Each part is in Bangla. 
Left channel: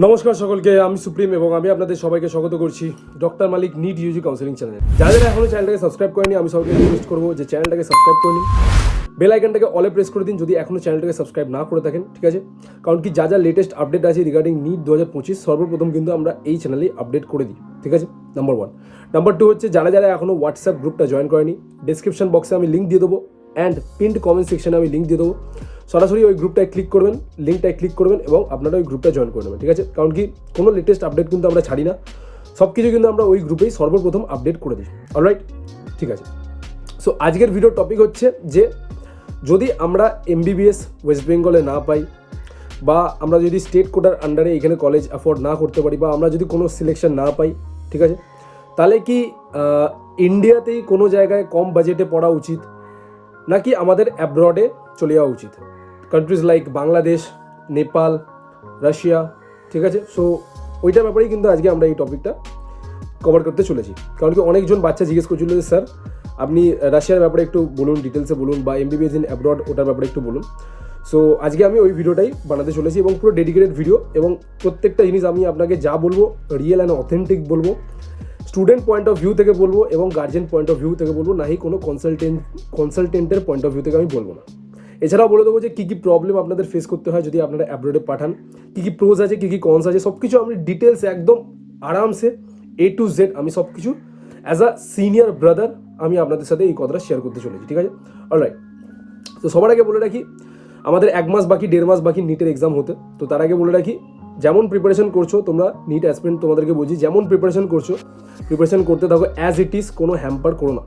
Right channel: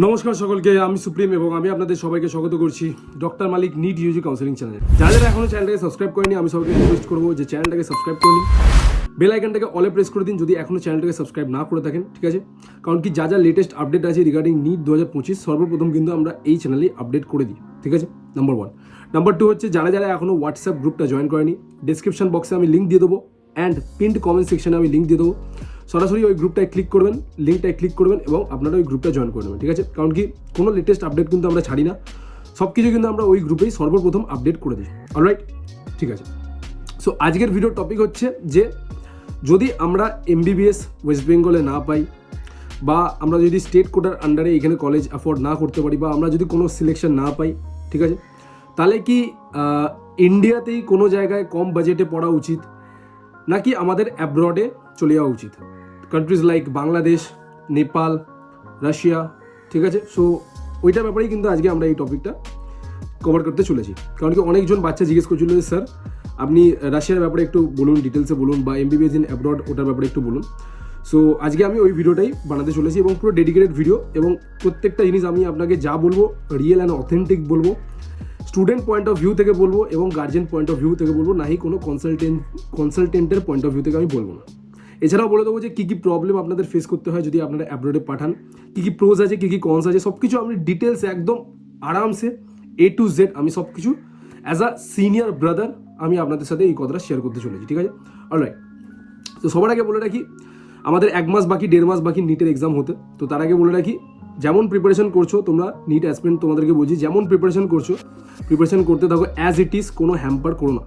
নমস্কার সকলকে, আমি সুপ্রিম এবং আমি আপনাদের সবাইকে স্বাগত করছি ডক্টর মালিক নিট ইউজি কাউন্সেলিং চ্যানেলে। যারা যারা এখনো চ্যানেলটাকে সাবস্ক্রাইব করেনি, আমি সবাইকে রিকোয়েস্ট করবো যে চ্যানেলটাকে সাবস্ক্রাইব করে নিন, বেল আইকনটাকে অলে প্রেস করে দিন যদি এখনো চ্যানেলটাকে সাবস্ক্রাইব না করে থাকেন, ঠিক আছে? কারণ কি যা যা লেটেস্ট আপডেট আছে রিগার্ডিং নিট 2025 সর্বপ্রথম কিন্তু আমরা এই চ্যানেলে আপডেট করে দিই, ঠিক আছে? নাম্বার 1। নাম্বার 2 হচ্ছে যারা যারা এখনো হোয়াটসঅ্যাপ গ্রুপটা জয়েন করেনি, ডিসক্রিপশন বক্সে আমি লিঙ্ক দিয়ে দেবো অ্যান্ড পিন্ড কমেন্ট সেকশনে আমি লিঙ্ক দিয়ে দেবো। সরাসরি ওই গ্রুপটায় ক্লিক করবেন, লিঙ্কটায় ক্লিক করবেন এবং আপনারা ওই গ্রুপটা জয়েন করে নেবেন, ঠিক আছে? কারণ কি কোনো লেটেস্ট আপডেট কিন্তু আমরা ছাড়ি না, সব কিছু কিন্তু আমরা ওই গ্রুপেই সর্বপ্রথম আপডেট করে দিই। অলরাইট, ঠিক আছে। সো আজকের ভিডিওর টপিক হচ্ছে যে যদি আমরা এমবিবিএস ওয়েস্ট বেঙ্গলে না পাই, বা আমরা যদি স্টেট কোটার আন্ডারে এখানে কলেজ অ্যাফোর্ড না করতে পারি, বা আমরা যদি কোনো সিলেকশন না পাই, ঠিক আছে, তাহলে কি ইন্ডিয়াতেই কোনো জায়গায় কম বাজেটে পড়া উচিত, নাকি আমাদের অ্যাব্রডে চলে যাওয়া উচিত? Countries like Bangladesh, Nepal, Russia, ঠিক আছে? সো ওইটার ব্যাপারেই কিন্তু আজকে আমরা এই টপিকটা কভার করতে চলেছি। কারণ কি অনেকজন বাচ্চা জিজ্ঞেস করছিল যে স্যার আপনি রাশিয়ার ব্যাপারে একটু বলুন, ডিটেলসে বলুন, বা এমবিবিএস ইন অ্যাব্রড ওটার ব্যাপারে একটু বলুন। সো আজকে আমি ওই ভিডিওটাই বানাতে চলেছি এবং পুরো ডেডিকেটেড ভিডিও, এবং প্রত্যেকটা জিনিস আমি আপনাকে যা বলবো রিয়েল অ্যান্ড অথেন্টিক বলবো, স্টুডেন্ট পয়েন্ট অফ ভিউ থেকে বলবো এবং গার্জেন পয়েন্ট অফ ভিউ থেকে বলবো, নাহি কোনো কনসালটেন্টের পয়েন্ট অফ ভিউ থেকে আমি বলবো না। এছাড়াও বলে দেবো যে কী কী প্রবলেম আপনাদের ফেস করতে হয় যদি আপনারা অ্যাব্রোডে পাঠান, কী কী প্রোজ আছে, কী কী কনস আছে, সব কিছু আমি ডিটেলস একদম আরামসে A to Z আমি সব কিছু অ্যাজ আ সিনিয়র ব্রাদার আমি আপনাদের সাথে এই কথাটা শেয়ার করতে চলেছি, ঠিক আছে? অলরাইট, তো সবার আগে বলে রাখি আমাদের 1 মাস বাকি, 1.5 মাস বাকি নিটের এক্সাম হতে। তো তার আগে বলে রাখি যেমন প্রিপারেশন করছো তোমরা, নিট অ্যাসপিরেন্ট তোমাদেরকে বলছি যেমন প্রিপারেশন করছো প্রিপারেশন করতে থাকো অ্যাজ ইট ইজ, কোনো হ্যাম্পার করো না।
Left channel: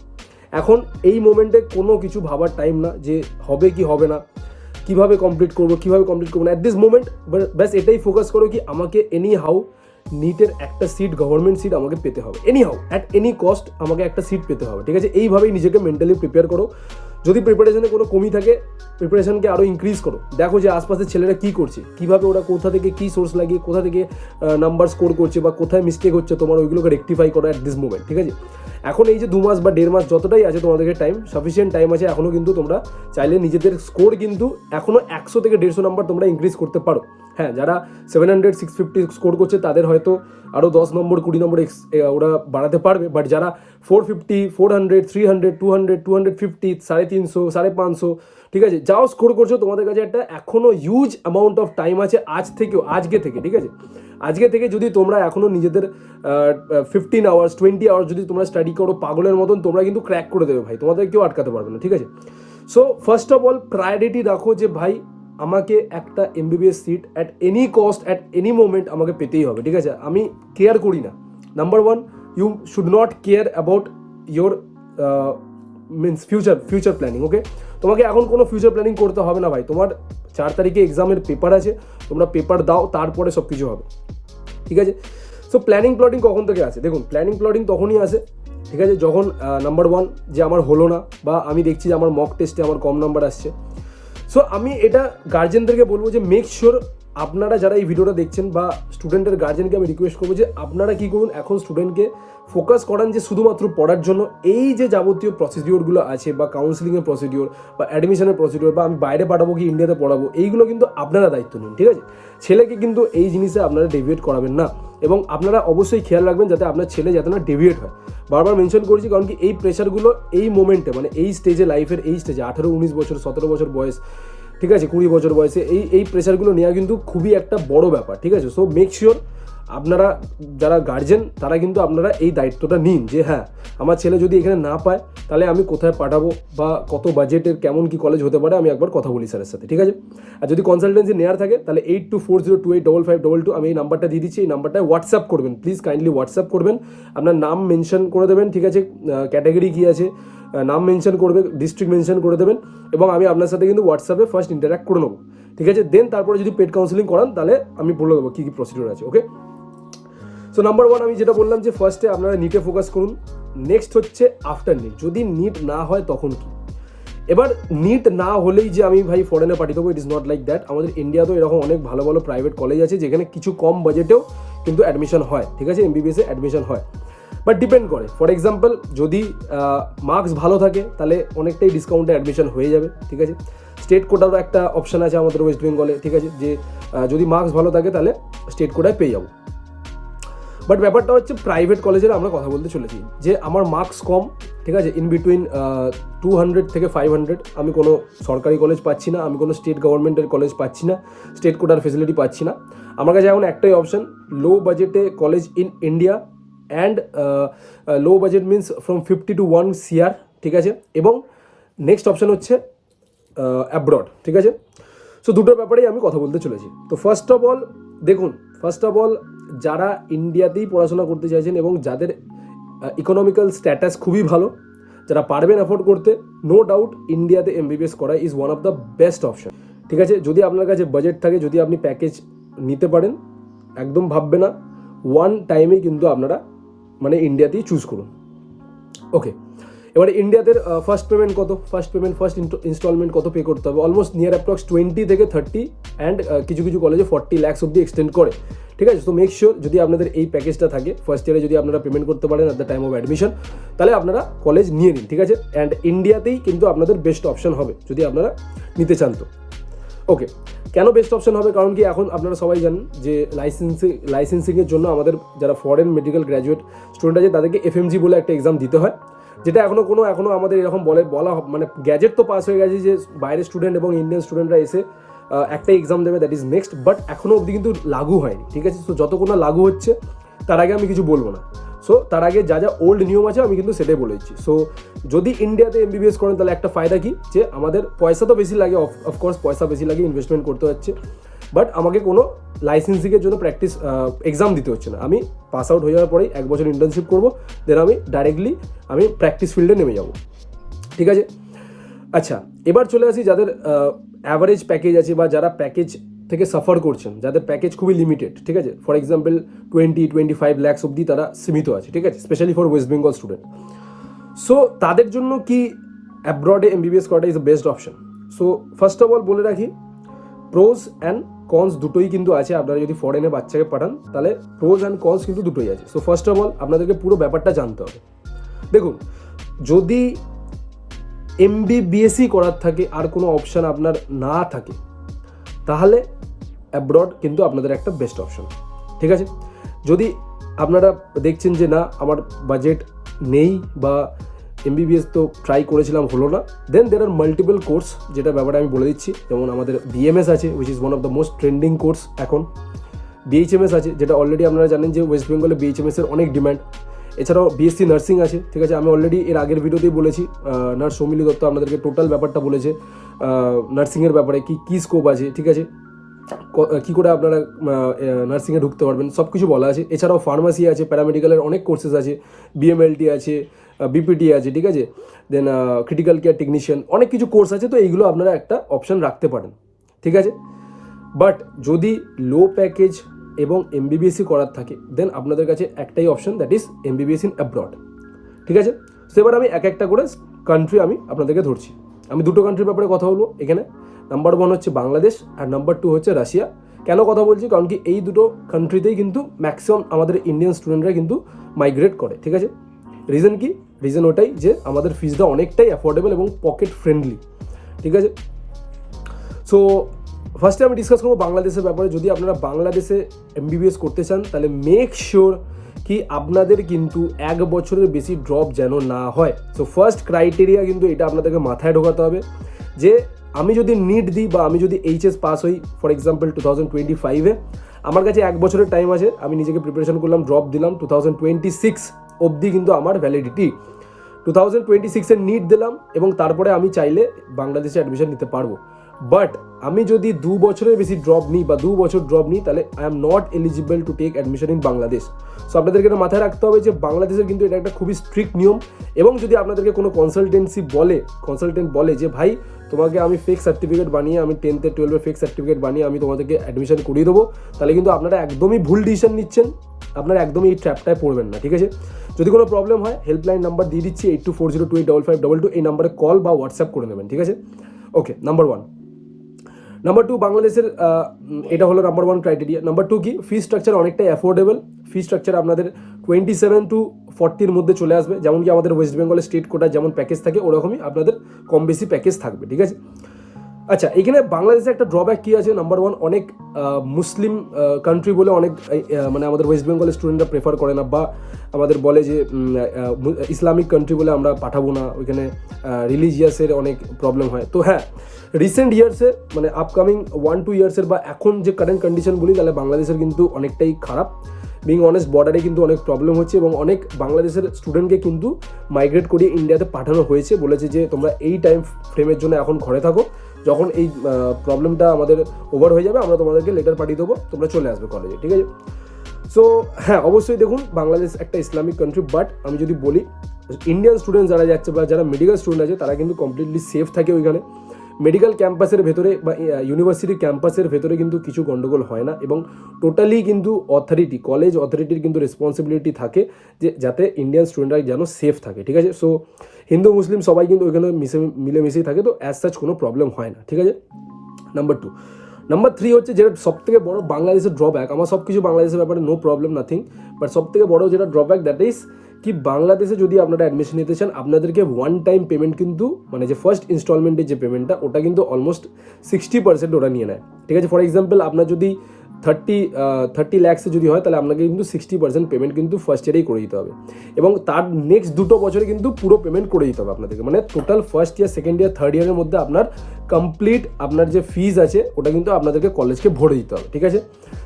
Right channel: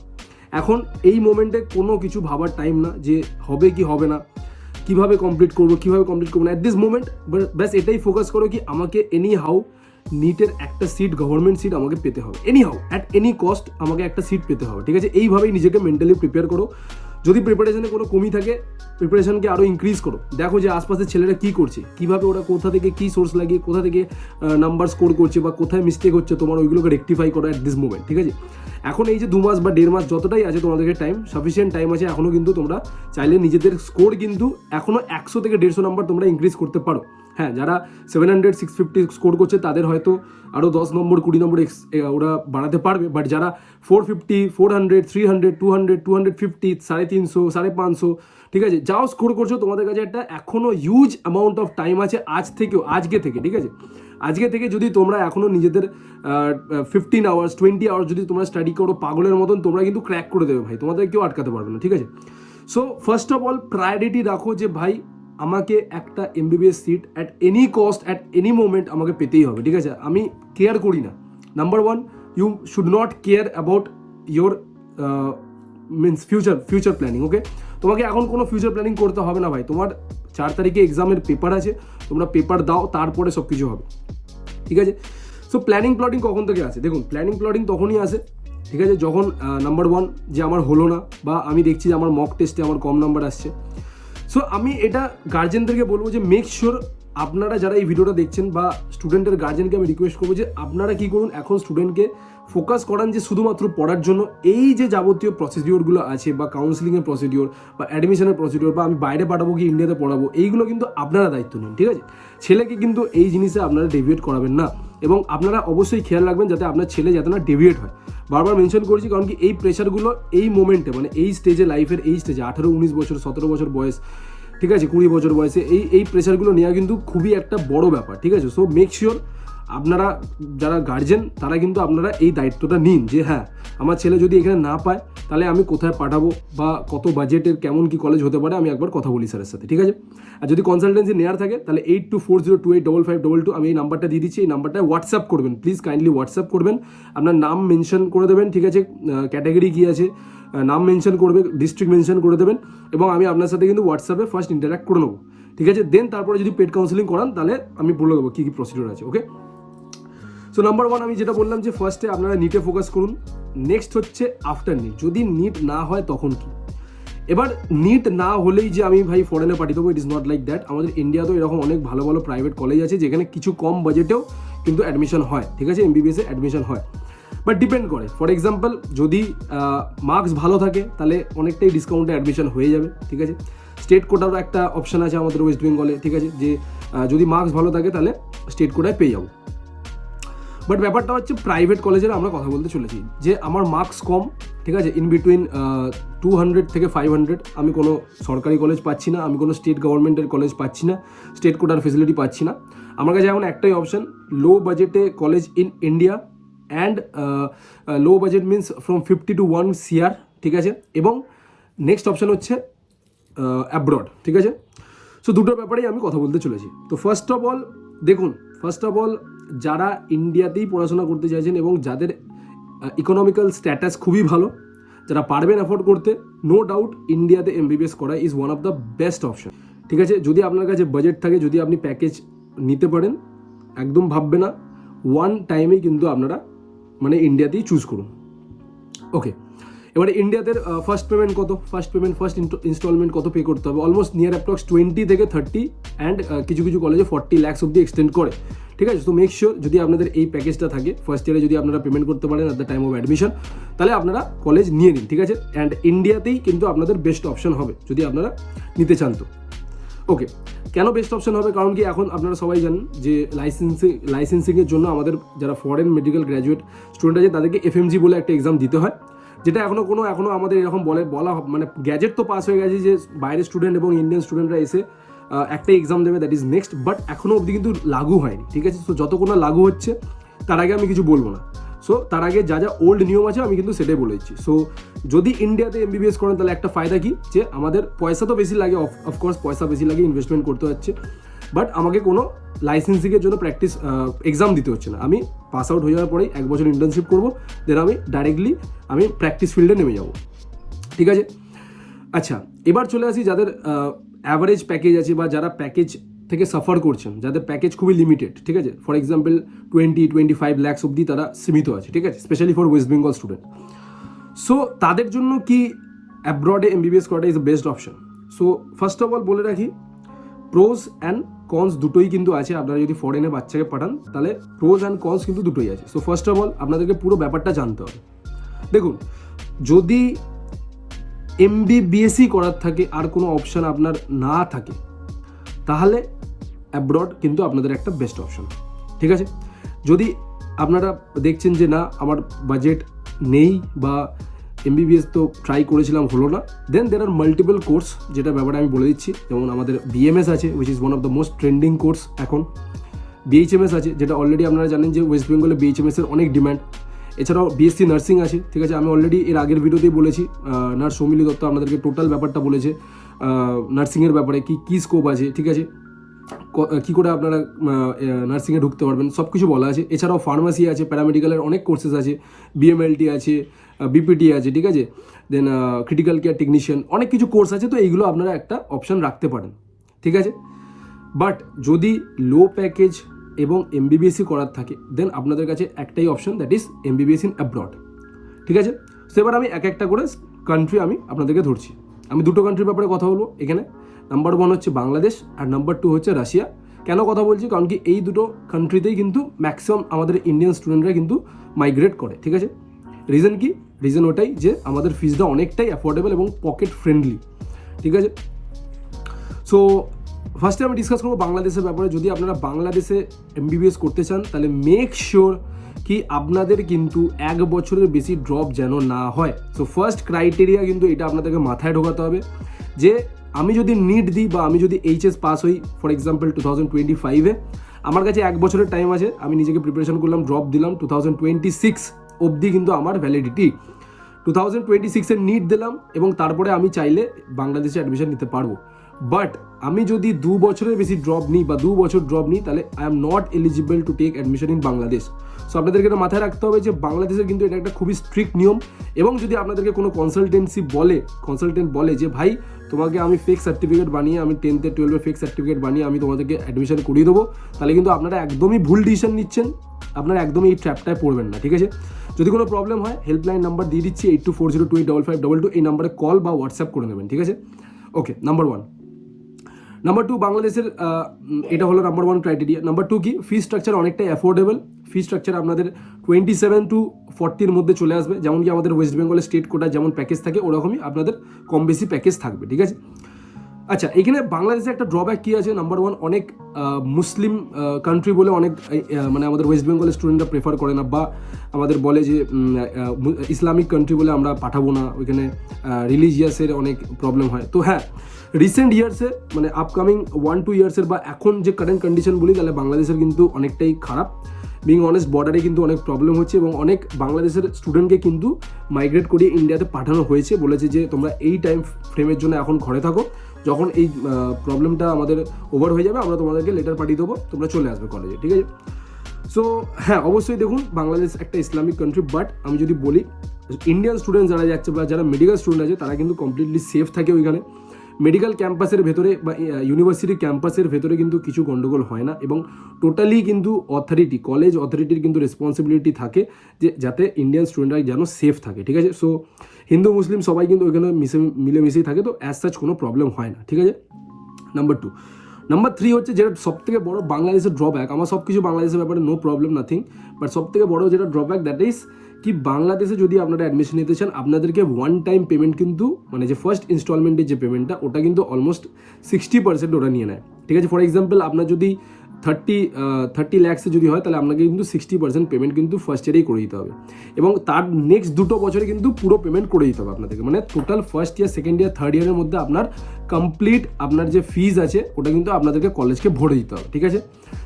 এখন এই মোমেন্টে কোনো কিছু ভাবার টাইম না যে হবে কি হবে না, কিভাবে কমপ্লিট করবো না। অ্যাট দিস মোমেন্ট ব্যাস এটাই ফোকাস করো কি আমাকে এনি হাউ নিটের একটা সিট, গভর্নমেন্ট সিট আমাকে পেতে হবে, any how at any cost আমাকে একটা সিট পেতে হবে, ঠিক আছে? এইভাবেই নিজেকে মেন্টালি প্রিপেয়ার করো। যদি প্রিপারেশনে কোনো কমি থাকে প্রিপারেশনকে আরও ইনক্রিজ করো, দেখো যে আশপাশের ছেলেরা কী করছে, কীভাবে ওরা কোথা থেকে কী সোর্স লাগিয়ে কোথা থেকে নাম্বার স্কোর করছে, বা কোথায় মিস্টেক হচ্ছে তোমার, ওইগুলোকে রেকটিফাই করো অ্যাট দিস মোমেন্ট, ঠিক আছে? এখন এই যে 2 মাস বা 1.5 মাস যতটাই আছে তোমাদেরকে টাইম, সাফিসিয়েন্ট টাইম আছে এখনও, কিন্তু তোমরা চাইলে নিজেদের স্কোর কিন্তু এখনও 100 থেকে 150 নাম্বার তোমরা ইনক্রিজ করতে পারো। হ্যাঁ, যারা 700 650 স্কোর করছে তাদের হয়তো আরও 10 নম্বর 20 নম্বর ওরা বাড়াতে পারবে, বাট যারা 450 400 300 200 250 350 550, ঠিক আছে, যাও স্কোর করছো, তোমাদের কাছে একটা এখনও হিউজ অ্যামাউন্ট অফ টাইম আছে আজকে থেকে, ঠিক আছে? আজকে থেকে যদি তোমরা এখনও নিজেদের 15 আওয়ার্স 20 আওয়ার্স যদি তোমরা স্টাডি করো পাগলের মতন, তোমরা কিন্তু ক্র্যাক করে দেবে ভাই, তোমাদের কেউ আটকাতে পারবে না, ঠিক আছে? So first of all priority রাখো যে ভাই আমাকে একটা MBBS seat at any cost at any moment আমাকে পেতেই হবে, ঠিক আছে? আমি কেয়ার করি না। Number 1, you should not care about your means future planning, okay? তোমাকে এখন কোনো ফিউচার প্ল্যানিং করতে হবে না ভাই। তোমার 4 তারিখে এক্সামের পেপার আছে, তোমরা পেপার দাও, তারপরে সব কিছু হবে, ঠিক আছে? সো প্ল্যানিং প্লটিং কখন থেকে আসে? দেখুন, প্ল্যানিং প্লটিং তখনই আসে, ঠিক আছে, যখন নাম্বার 1 যে আমার হলো না, বা আমি দেখছি যে আমার মক টেস্টে আমার কম নাম্বার আসছে। সো আমি এটা গার্জেনদেরকে বলবো যে মেক শিওর আপনারা যারা এই ভিডিওটা দেখছেন, বা স্টুডেন্টের গার্জেনকে আমি রিকোয়েস্ট করবো যে আপনারা কী করুন, এখন স্টুডেন্টকে ফোকাস করান যে শুধুমাত্র পড়ার জন্য। এই যে যাবতীয় প্রসিডিওরগুলো আছে, বা কাউন্সিলিংয়ের প্রসিডিওর, বা অ্যাডমিশনের প্রসিডিওর, বা আমি বাইরে পাঠাবো কি ইন্ডিয়াতে পড়াবো, এইগুলো কিন্তু আপনারা দায়িত্ব নিন, ঠিক আছে? ছেলেকে কিন্তু এই জিনিসে আপনারা ডেভিয়েট করাবেন না, এবং আপনারা অবশ্যই খেয়াল রাখবেন যাতে আপনার ছেলে যাতে না ডেভিয়েট হয়। বারবার মেনশন করছি, কারণ কি এই প্রেশারগুলো এই মোমেন্টে, মানে এই স্টেজে, লাইফের এই স্টেজে 18 19 বছর 17 বছর বয়স, ঠিক আছে, 20 বছর বয়সে এই প্রেশারগুলো নেওয়া কিন্তু খুবই একটা বড় ব্যাপার, ঠিক আছে? সো মেক শিওর আপনারা যারা গার্জেন তারা কিন্তু আপনারা এই দায়িত্বটা নিন যে হ্যাঁ, আমার ছেলে যদি এখানে না পায় তাহলে আমি কোথায় পাঠাবো, বা কত বাজেটের কেমন কি কলেজ হতে পারে, আমি একবার কথা বলি স্যারের সাথে, ঠিক আছে? আর যদি কনসালটেন্সি নেওয়ার থাকে তাহলে 8240285522 আমি এই নাম্বারটা দিয়ে দিচ্ছি, এই নাম্বারটায় হোয়াটসঅ্যাপ করবেন, প্লিজ কাইন্ডলি হোয়াটসঅ্যাপ করবেন, আপনার নাম মেনশন করে দেবেন, ঠিক আছে, ক্যাটাগরি কী আছে নাম মেনশন করবে, ডিস্ট্রিক্ট মেনশন করে দেবেন, এবং আমি আপনার সাথে কিন্তু হোয়াটসঅ্যাপে ফার্স্ট ইন্টারাক্ট করে নেবো, ঠিক আছে? দেন তারপরে যদি পেড কাউন্সিলিং করান তাহলে আমি বলে দেবো কী কী প্রসিডিওর আছে, ওকে? সো নাম্বার 1 আমি যেটা বললাম যে ফার্স্টে আপনারা নিটে ফোকাস করুন। নেক্সট হচ্ছে আফটার নিট, যদি নিট না হয় তখন কি? এবার নিট না হলেই যে আমি ভাই ফরেনে পাঠিয়ে দেবো, it is not like that. আমাদের ইন্ডিয়াতেও এরকম অনেক ভালো ভালো প্রাইভেট কলেজ আছে যেখানে কিছু কম বাজেটেও কিন্তু অ্যাডমিশন হয়, ঠিক আছে, এমবিবিএসে অ্যাডমিশন হয়, বাট ডিপেন্ড করে। ফর এক্সাম্পল যদি মার্কস ভালো থাকে তাহলে অনেকটাই ডিসকাউন্টে অ্যাডমিশন হয়ে যাবে, ঠিক আছে? স্টেট কোটারও একটা অপশান আছে আমাদের ওয়েস্ট বেঙ্গলে, ঠিক আছে, যে যদি মার্কস ভালো থাকে তাহলে স্টেট কোটায় পেয়ে যাবো। বাট ব্যাপারটা হচ্ছে প্রাইভেট কলেজের আমরা কথা বলতে চলেছি, যে আমার মার্কস কম, ঠিক আছে, ইন বিটুইন 200 থেকে 500, আমি কোনো সরকারি কলেজ পাচ্ছি না, আমি কোনো স্টেট গভর্নমেন্টের কলেজ পাচ্ছি না, স্টেট কোটার ফেসিলিটি পাচ্ছি না। আমার কাছে এখন একটাই অপশন, লো বাজেটে college in India and low budget means from 50 to 1 CR, ঠিক আছে, এবং নেক্সট অপশন হচ্ছে অ্যাব্রড, ঠিক আছে। সো দুটোর ব্যাপারেই আমি কথা বলতে চলেছি। তো ফার্স্ট অফ অল যারা ইন্ডিয়াতেই পড়াশোনা করতে চাইছেন এবং যাদের ইকোনমিক্যাল স্ট্যাটাস খুবই ভালো, যারা পারবেন অ্যাফোর্ড করতে, নো ডাউট ইন্ডিয়াতে MBBS করা is one of the best option, ঠিক আছে। যদি আপনার কাছে বাজেট থাকে, যদি আপনি প্যাকেজ নিতে পারেন, একদম ভাববে না, ওয়ান টাইমেই কিন্তু আপনারা মানে ইন্ডিয়াতেই চুজ করুন। ওকে, এবারে ইন্ডিয়াতে ফার্স্ট ইনস্টলমেন্ট কত পে করতে হবে? অলমোস্ট নিয়ার অ্যাপ্রক্স 20 থেকে 30 অ্যান্ড কিছু কিছু কলেজে 40 lakhs অব্দি এক্সটেন্ড করে, ঠিক আছে। তো মেক শিওর যদি আপনাদের এই প্যাকেজটা থাকে, ফার্স্ট ইয়ারে যদি আপনারা পেমেন্ট করতে পারেন at the time of admission, তাহলে আপনারা কলেজ নিয়ে নিন, ঠিক আছে। অ্যান্ড ইন্ডিয়াতেই কিন্তু আপনাদের বেস্ট অপশন হবে যদি আপনারা নিতে চান তো। ওকে, কেন বেস্ট অপশন হবে? কারণ কি এখন আপনারা সবাই জানেন যে লাইসেন্সিংয়ের জন্য আমাদের যারা ফরেন মেডিকেল গ্র্যাজুয়েট স্টুডেন্ট আছে তাদেরকে FMG বলে একটা এক্সাম দিতে হয়, যেটা এখনো আমাদের এরকম বলা মানে গ্যাজেট তো পাস হয়ে গেছে যে বাইরের স্টুডেন্ট এবং ইন্ডিয়ান স্টুডেন্টরা এসে একটা এক্সাম দেবে, দ্যাট ইজ নেক্সট, বাট এখনও অবধি কিন্তু লাগু হয়নি, ঠিক আছে। তো যতক্ষণ না লাগু হচ্ছে তার আগে আমি কিছু বলবো না। সো তার আগে যা ওল্ড নিয়ম আছে আমি কিন্তু সেটাই বলেছি। সো যদি ইন্ডিয়াতে MBBS করেন তাহলে একটা ফায়দা কি, যে আমাদের পয়সা তো বেশি লাগে, অফকোর্স পয়সা বেশি লাগে, ইনভেস্টমেন্ট করতে হচ্ছে, বাট আমাকে কোনো লাইসেন্সিংয়ের জন্য প্র্যাকটিস এক্সাম দিতে হচ্ছে না। আমি পাস আউট হয়ে যাওয়ার পরেই 1 বছর ইন্টার্নশিপ করবো, দেন আমি ডাইরেক্টলি প্র্যাকটিস ফিল্ডে নেমে যাব, ঠিক আছে। আচ্ছা, এবার চলে আসি যাদের অ্যাভারেজ প্যাকেজ আছে বা যারা প্যাকেজ থেকে সাফার করছেন, যাদের প্যাকেজ খুবই লিমিটেড, ঠিক আছে, ফর এক্সাম্পল 20-25 lakhs অব্দি তারা সীমিত আছে, ঠিক আছে, specially for West Bengal student. So তাদের জন্য কি অ্যাব্রডে MBBS করাটা is the best option? So first of all বলে রাখি, প্রোজ অ্যান্ড কনস দুটোই কিন্তু আছে। আপনারা যদি ফরেনে বাচ্চাকে পাঠান তাহলে প্রোজ অ্যান্ড কনস কিন্তু দুটোই আছে। সো ফার্স্ট অফ অল আপনাদেরকে পুরো ব্যাপারটা জানতে হবে। দেখুন, যদি MBBS করার থাকে আর কোনো অপশান আপনার না থাকে, তাহলে অ্যাব্রড কিন্তু আপনাদের একটা বেস্ট অপশন, ঠিক আছে। যদি আপনারা দেখছেন যে না আমার বাজেট নেই বা MBBS তো ট্রাই করেছিলাম হলো না, দেন দের আর মাল্টিপল কোর্স, যেটা ব্যাপারে আমি বলে দিচ্ছি। যেমন আমাদের BMS আছে, which is one of the most trending course এখন। BHMS আছে, যেটা অলরেডি আপনারা জানেন যে ওয়েস্ট বেঙ্গলে BHMS এর অনেক ডিম্যান্ড। এছাড়াও BSc নার্সিং আছে, ঠিক আছে, আমি অলরেডি এর আগের ভিডিওতেই বলেছি। নার্স সৌমিলি দত্ত আপনাদেরকে টোটাল ব্যাপারটা বলেছে নার্সিংয়ের ব্যাপারে, কি স্কোপ আছে, ঠিক আছে, কী করে আপনারা নার্সিংয়ে ঢুকতে পারবেন, সব কিছু বলা আছে। এছাড়াও ফার্মাসি আছে, প্যারামেডিক্যালের অনেক কোর্সেস আছে, BMLT আছে, BPT আছে, ঠিক আছে, দেন ক্রিটিক্যাল কেয়ার টেকনিশিয়ান, অনেক কিছু কোর্স আছে। তো এইগুলো আপনারা একটা অপশান রাখতে পারেন, ঠিক আছে। বাট যদি লো প্যাকেজ এবং MBBS করার থাকে, দেন আপনাদের কাছে একটাই option, that is MBBS in abroad, ঠিক আছে। তো এবার আমি একটা করে কান্ট্রি আমি আপনাদেরকে ধরছি। আমি দুটো কান্ট্রির ব্যাপারে কথা বলবো এখানে। নাম্বার 1 হচ্ছে বাংলাদেশ আর নাম্বার 2 হচ্ছে রাশিয়া। কেন কথা বলছি? কারণ কি এই দুটো কান্ট্রিতেই কিন্তু ম্যাক্সিমাম আমাদের ইন্ডিয়ান স্টুডেন্টরা কিন্তু মাইগ্রেট করে, ঠিক আছে। রিজন কি? রিজন ওটাই যে আমাদের ফিজটা অনেকটাই অ্যাফোর্ডেবল এবং পকেট ফ্রেন্ডলি, ঠিক আছে। সো ফার্স্টে আমি ডিসকাস করবো বাংলাদেশের ব্যাপারে। যদি আপনারা বাংলাদেশে MBBS করতে চান তাহলে মেক শিওর কি আপনাদের কিন্তু 1 বছরের বেশি ড্রপ যেন না হয়। তো ফার্স্ট ক্রাইটেরিয়া কিন্তু এটা আপনাদেরকে মাথায় ঢোকাতে হবে যে আমি যদি নিট দিই বা আমি যদি HS পাস হই ফর এক্সাম্পল 2025-এ, আমার কাছে 1 বছরের টাইম আছে, আমি নিজেকে প্রিপারেশন করলাম, ড্রপ দিলাম, 2026 অবধি কিন্তু আমার ভ্যালিডিটি। 2026-এর নিট দিলাম এবং তারপরে আমি চাইলে বাংলাদেশে অ্যাডমিশন নিতে পারবো। বাট আমি যদি 2 বছরের বেশি ড্রপ নিই বা 2 বছর ড্রপ নিই, তাহলে I am not eligible to take admission in Bangladesh. So আপনাদেরকে এটা মাথায় রাখতে হবে যে বাংলাদেশের কিন্তু এটা একটা খুবই স্ট্রিক্ট নিয়ম। এবং যদি আপনাদেরকে কোনো কনসালটেন্ট বলে যে ভাই তোমাকে আমি ফেক সার্টিফিকেট বানিয়ে, আমি 10th 12 ফেক সার্টিফিকেট বানিয়ে আমি তোমাদেরকে অ্যাডমিশন করিয়ে দেবো, তাহলে কিন্তু আপনারা একদমই ভুল ডিসিশন নিচ্ছেন, আপনারা একদমই এই ট্র্যাপটায় পড়বেন না, ঠিক আছে। যদি কোনো প্রবলেম হয় হেল্পলাইন নাম্বার দিয়ে দিচ্ছি 8240285522, এই নাম্বারে কল বা হোয়াটসঅ্যাপ করে নেবেন, ঠিক আছে। Okay, number 1। নাম্বার 2, বাংলাদেশের এটা হলো নাম্বার 1 ক্রাইটেরিয়া। নাম্বার 2 কি? ফি স্ট্রাকচার অনেকটাই অ্যাফোর্ডেবল। ফি স্ট্রাকচার আপনাদের 27 to 40-র মধ্যে চলে আসবে। যেমন কি আমাদের ওয়েস্ট বেঙ্গলের স্টেট কোটা যেমন প্যাকেজ থাকে ওরকমই আপনাদের কম বেশি প্যাকেজ থাকবে, ঠিক আছে। আচ্ছা, এখানে বাংলাদেশে একটা ড্রব্যাক কি আছে, নাম্বার ওয়ান, অনেক মুসলিম কান্ট্রি বলে অনেক মানে আমাদের ওয়েস্ট বেঙ্গলের স্টুডেন্টরা প্রেফার করে না, বা আমাদের বলে যে ইসলামিক কান্ট্রি বলে আমরা পাঠাবো না, ওইখানে রিলিজিয়াসের অনেক প্রবলেম হয়। তো হ্যাঁ, রিসেন্ট ইয়ার্সে মানে আপকামিং 1-2 ইয়ার্সের বা এখন যে কারেন্ট কন্ডিশন বলি, তাহলে বাংলাদেশের কিন্তু অনেকটাই খারাপ। বিং অনেস্ট, বর্ডারে কিন্তু অনেক প্রবলেম হচ্ছে এবং অনেক বাংলাদেশের স্টুডেন্টকে কিন্তু মাইগ্রেট করিয়ে ইন্ডিয়াতে পাঠানো হয়েছে, বলেছে যে তোমরা এই টাইম ফ্রেমের জন্য এখন ঘরে থাকো, যখন এই প্রবলেমটা আমাদের ওভার হয়ে যাবে আমরা তোমাদেরকে লেটার পাঠিয়ে দেবো, তোমরা চলে আসবে কলেজে, ঠিক আছে। সো হ্যাঁ, অবশ্যই দেখুন বাংলাদেশ একটা ইসলামিক কান্ট্রি, বাট আমি যদি বলি ইন্ডিয়ান স্টুডেন্ট যারা যাচ্ছে বা যারা মেডিকেল স্টুডেন্ট আছে তারা কিন্তু কমপ্লিটলি সেফ থাকে ওইখানে। মেডিকেল ক্যাম্পাসের ভেতরে বা ইউনিভার্সিটি ক্যাম্পাসের ভেতরে কিন্তু কিছু গন্ডগোল হয় না, এবং টোটালি কিন্তু অথরিটি, কলেজ অথরিটির কিন্তু রেসপন্সিবিলিটি থাকে যে যাতে ইন্ডিয়ান স্টুডেন্টরা যেন সেফ থাকে, ঠিক আছে। সো হিন্দু মুসলিম সবাই কিন্তু ওইখানে মিলেমিশেই থাকে, তো অ্যাজ সাচ কোনো প্রবলেম হয় না, ঠিক আছে। নাম্বার 2, নাম্বার 3 হচ্ছে যেটা সব থেকে বড় বাংলাদেশের ড্রব্যাক, আমার সব কিছু বাংলাদেশের ব্যাপারে নো প্রবলেম নাথিং, বাট সব থেকে বড় যেটা ড্রব্যাক, দ্যাট ইজ কি বাংলাদেশে যদি আপনারা অ্যাডমিশন নিতে চান আপনাদেরকে ওয়ান টাইম পেমেন্ট কিন্তু মানে যে ফার্স্ট ইনস্টলমেন্টের যে পেমেন্টটা ওটা কিন্তু অলমোস্ট 60% ওরা নিয়ে নেয়, ঠিক আছে। ফর এক্সাম্পল আপনার যদি 30 লাখসে যদি হয় তাহলে আপনাকে কিন্তু 60% পেমেন্ট কিন্তু ফার্স্ট ইয়ারেই করে দিতে হবে, এবং তার নেক্সট 2 বছরে কিন্তু পুরো পেমেন্ট করে দিতে হবে আপনাদেরকে, মানে total first year, second year, third ইয়ারের মধ্যে আপনার কমপ্লিট আপনার যে ফিজ আছে ওটা কিন্তু আপনাদেরকে কলেজকে ভরে দিতে হবে, ঠিক আছে।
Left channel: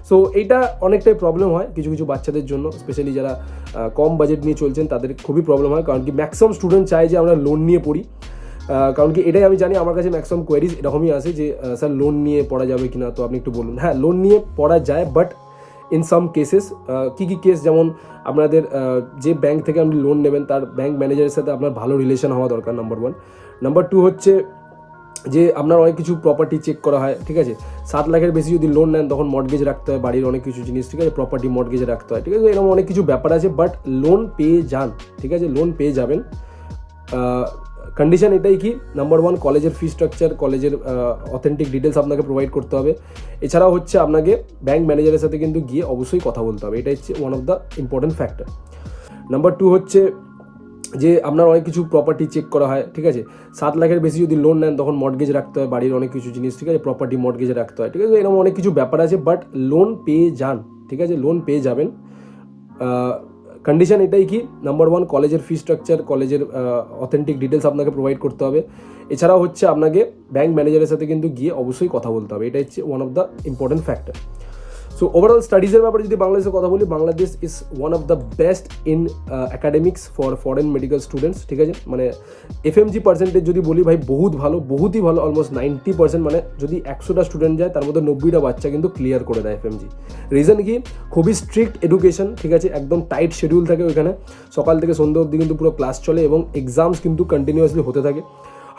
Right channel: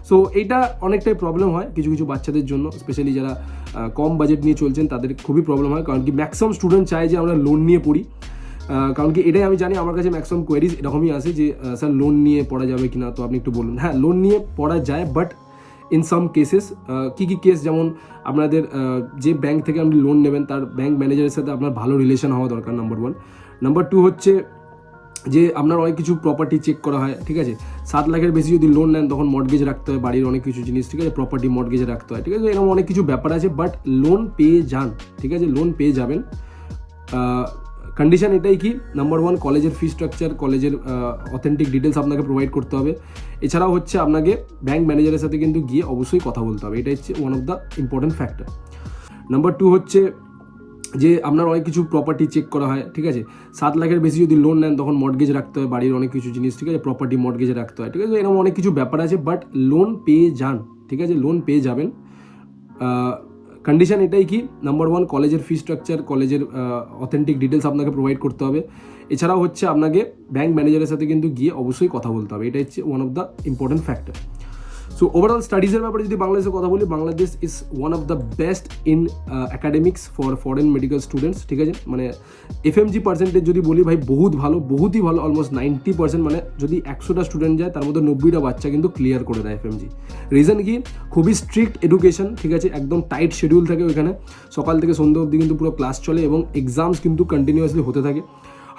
সো এইটা অনেকটাই প্রবলেম হয় কিছু কিছু বাচ্চাদের জন্য, স্পেশালি যারা কম বাজেট নিয়ে চলছেন তাদের খুবই প্রবলেম হয়, কারণ কি ম্যাক্সিমাম স্টুডেন্ট চায় যে আমরা লোন নিয়ে পড়ি, কারণ কি এটাই আমি জানি, আমার কাছে ম্যাক্সিমাম কোয়ারিজ এরকমই আসে যে স্যার লোন নিয়ে পড়া যাবে কিনা, তো আপনি একটু বলুন। হ্যাঁ, লোন নিয়ে পড়া যায়, বাট ইন সাম কেসেস, কী কী কেস, যেমন আপনাদের যে ব্যাংক থেকে আপনি লোন নেবেন তার ব্যাংক ম্যানেজারের সাথে আপনার ভালো রিলেশন হওয়া দরকার, নাম্বার 1। নাম্বার 2 হচ্ছে যে আপনার অনেক কিছু প্রপার্টি চেক করা হয়, ঠিক আছে। 7 লাখের বেশি যদি লোন নেন তখন মর্টগেজ রাখতে হয়, বাড়ির অনেক কিছু জিনিস, ঠিক আছে, প্রপার্টি মর্টগেজ রাখতে হয়, ঠিক আছে। এরকম অনেক কিছু ব্যাপার আছে, বাট লোন পেয়ে যান, ঠিক আছে, লোন পেয়ে যাবেন। কন্ডিশন এটাই কি, নাম্বার 1, কলেজের ফি স্ট্রাকচার, কলেজের অথেন্টিক ডিটেলস আপনাকে প্রোভাইড করতে হবে। এছাড়াও হচ্ছে আপনাকে ব্যাংক ম্যানেজারের সাথে কিন্তু গিয়ে অবশ্যই কথা বলতে হবে, এটা হচ্ছে one of the important factor. Number 2 হচ্ছে যে আপনার অনেক কিছু প্রপার্টি চেক করা হয়, ঠিক আছে। 7 লাখের বেশি যদি লোন নেন তখন মর্টগেজ রাখতে হয়, বাড়ির অনেক কিছু জিনিস, ঠিক আছে, প্রপার্টি মর্টগেজ রাখতে হয়, ঠিক আছে। এরকম অনেক কিছু ব্যাপার আছে, বাট লোন পেয়ে যান, ঠিক আছে, লোন পেয়ে যাবেন। কন্ডিশন এটাই কি, নাম্বার 1, কলেজের ফি স্ট্রাকচার, কলেজের অথেন্টিক ডিটেলস আপনাকে প্রোভাইড করতে হবে। এছাড়াও হচ্ছে আপনাকে ব্যাংক ম্যানেজারের সাথে কিন্তু গিয়ে অবশ্যই কথা বলতে হবে, এটা হচ্ছে one of the important factor. So overall স্টাডিজের ব্যাপারে যদি বাংলাদেশের কথা বলি, Bangladesh is one of the best in academics for foreign medical students, ঠিক আছে। মানে এফএমজি পার্সেন্টেজ যদি বলি ভাই বহুত ভালো, বহুতই ভালো, অলমোস্ট 90%, মানে যদি 100টা স্টুডেন্ট যায় তার মধ্যে 90টা বাচ্চা কিন্তু ক্লিয়ার করে দেয় এফএমজি। রিজন কি, খুবই স্ট্রিক্ট এডুকেশন, ঠিক আছে, একদম টাইট শিডিউল থাকে ওইখানে, সকাল থেকে সন্ধ্যা অবধি কিন্তু পুরো ক্লাস চলে এবং এক্সামস কিন্তু কন্টিনিউয়াসলি হতে থাকে।